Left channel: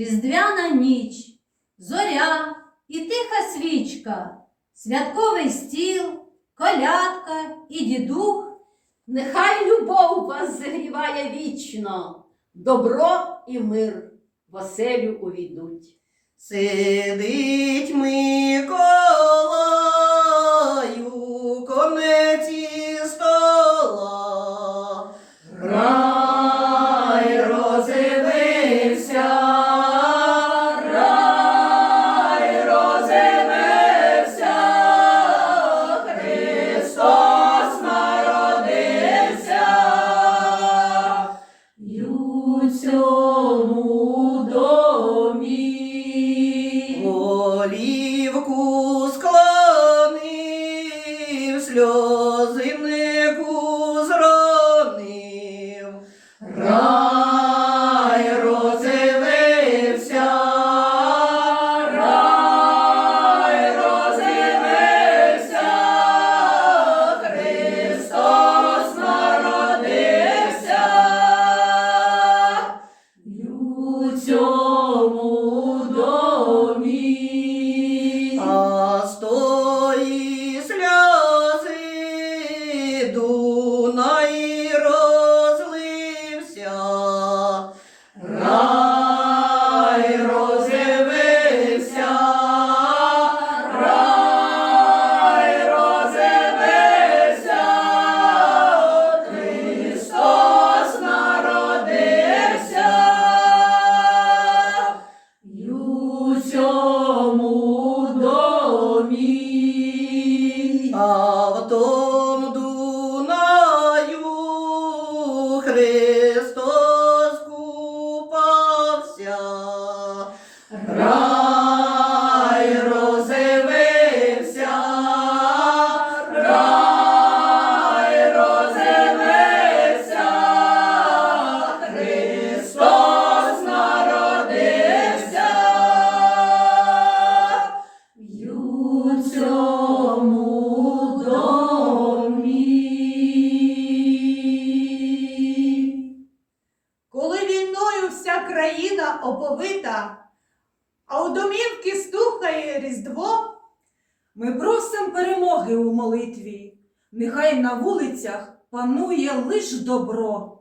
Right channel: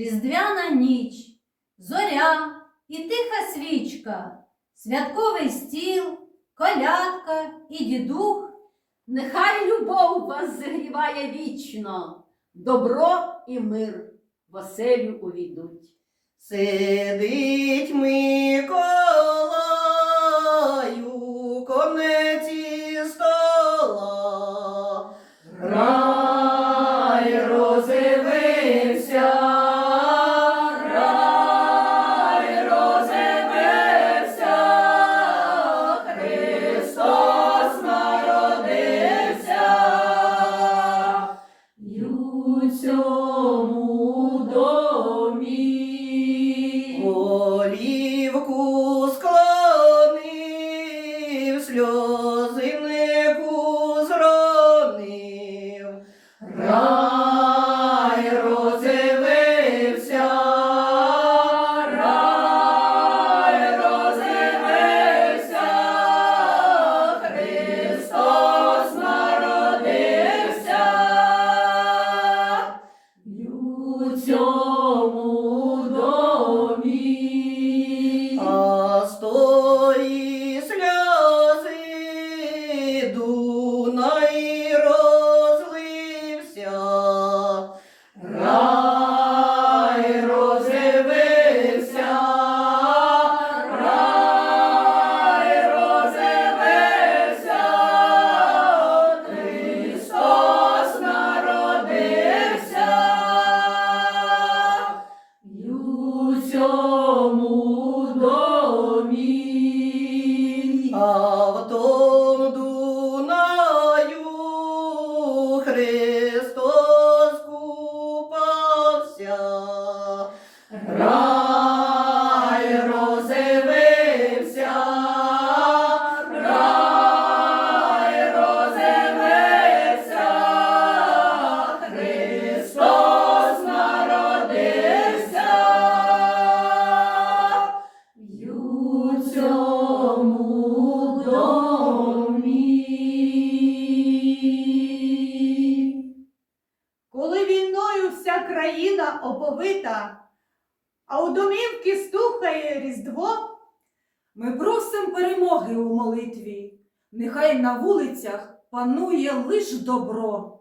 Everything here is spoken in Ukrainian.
різдвяна ніч, зоря і тиха свічка, святковий стіл, колядка і дідух. Нехай любов вас зігріває вічно, добро і мир в оселю увійдуть. Сидить Миколаю, склонив, У домі. А Війною вся країна оповита, а у домівки стухає Різдво, Ми просим перемоги у молитві, нехай на вулицях панує лиш добро.